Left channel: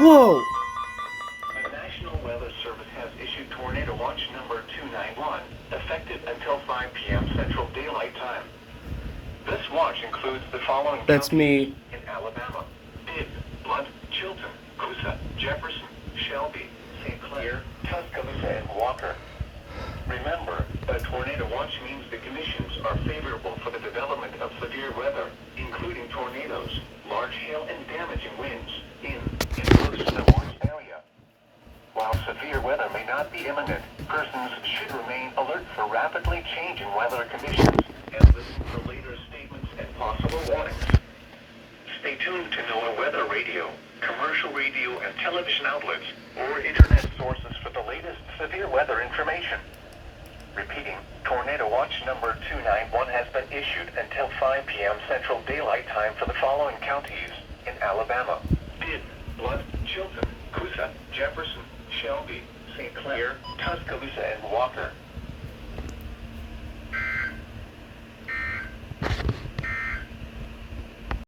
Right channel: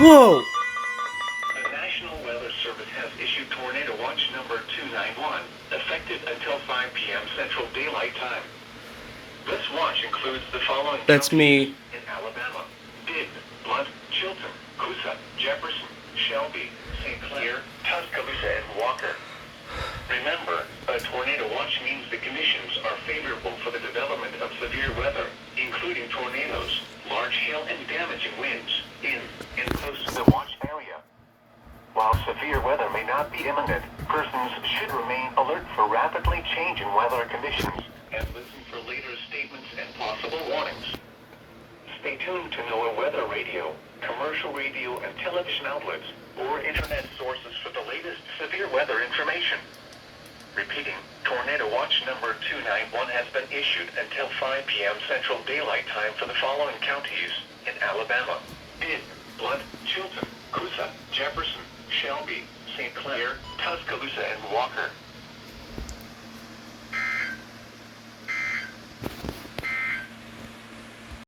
Whoa! The National Weather Service has issued Tornado Watch number 291, effective until 5 p.m. Central Daylight Time. This watch includes the following That's counties me. in Alabama: Bibb, Blunt, Chilton, Coosa, Jefferson, Shelby, St. Clair, Tuscaloosa, and Walker. Remember, a tornado watch means the conditions are favorable for the development of severe weather, including tornadoes, large hail, and damaging winds in and close to the watch area. While severe weather may not be imminent, persons should remain alert for rapidly changing weather conditions and listen for later statements and possible warnings. Stay tuned to NOAA Weather Radio, commercial radio and television outlets, or internet sources for the latest severe weather information. Repeating, Tornado Watch number 291 has been issued until 5 p.m. Central Daylight Time for the following counties in Alabama: Bibb, Blunt, Chilton, Coosa, Jefferson, Shelby, St. Clair, Tuscaloosa, and Walker.